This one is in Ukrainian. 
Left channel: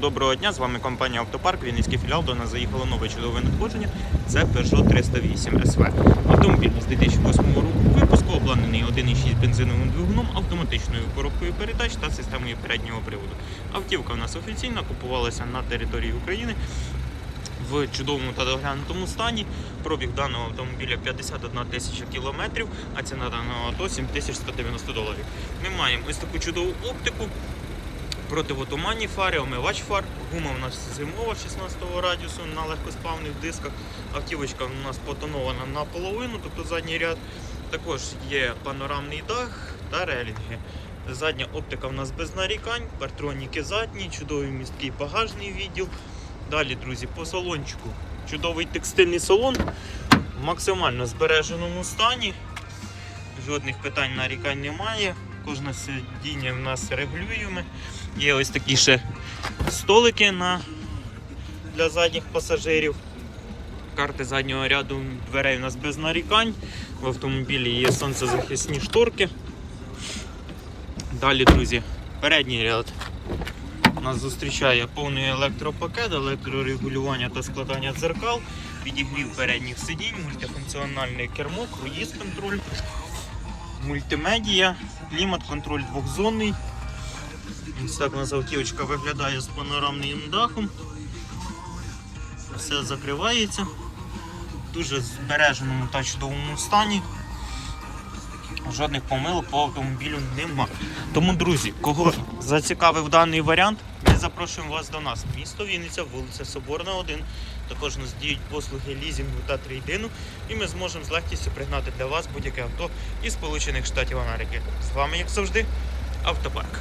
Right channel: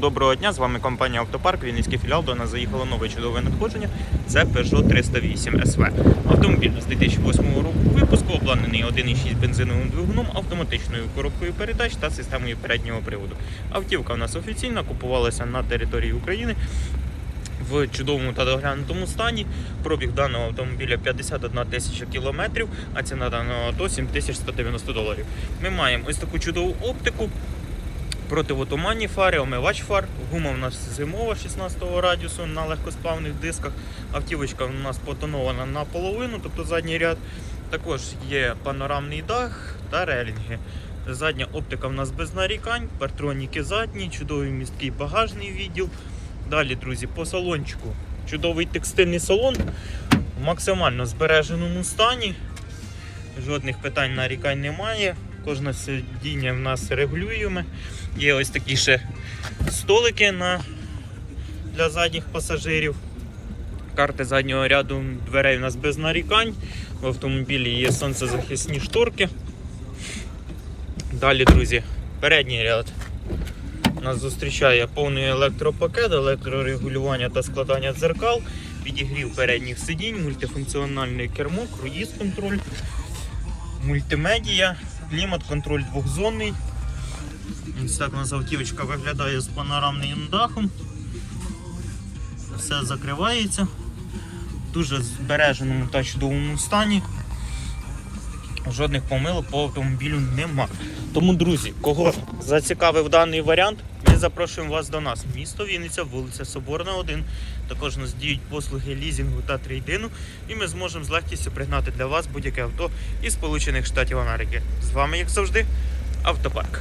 Доброго дня, з вами компанія Автопарк, Вінницький філіал. До нас заїхало нове чудове надходження. Це Peugeot 308 SV. Автомобіль з 2008 року випуску обладнаний 1,6 бензиновим двигуном, автоматичною коробкою передач та системою переднього приводу. Автівка у нас офіційно купувалася на території України в чудовому та доглянутому стані. Пробіг даного автомобіля 51 тисяча кілометрів, а ціна даного авто 7190 доларів. Ми маємо ось таку чудову оптику. Противотуманні фари, омивач фар. Гума у нас зимова 16 радіусу на легкосплавних дисках. Автівочка у нас потонована наполовину, тобто задній ряд. Також є панорамний дах та релінги. Задня оптика у нас без нарікань, партроніки задні, чудовий місткий багажний відділ. Далі, друзі, по салончику. Чудовий текстильний салон в максимально збереженому стані. Жодних питань нарікань немає. Кожне сидіння в нас регулюємо. Є ось такі ще столики на... для задніх пасажирів. Карти заднього ряду дверей у нас без нарікань. В автомобілі є сонцезахисні шторки. Далі, друзі, передній ряд нас зустрічає повний електропакет, електрорегулювання та складання дзеркал, підігрів передніх сидінь, мультифункціональне кермо, круїз контроль, мультимедія, клімат-контроль двохзонний. Ось так у нас автівочка виглядає з панорамним дахом. Все закривається. Дуже збереженому та чудовому стані. Жодних помилок по автомобілю нема. Тому, друзі, кого зацікавив даний варіант, запрошуємо вас до нас. Місто Вінниця, вулиця Соборна, 1. Також нас діють послуги лізінгу та трейдину, і ми зможемо з легкістю пригнати для вас будь-яке авто із Сполучених Штатів Америки. З вами, як завжди, автопарк.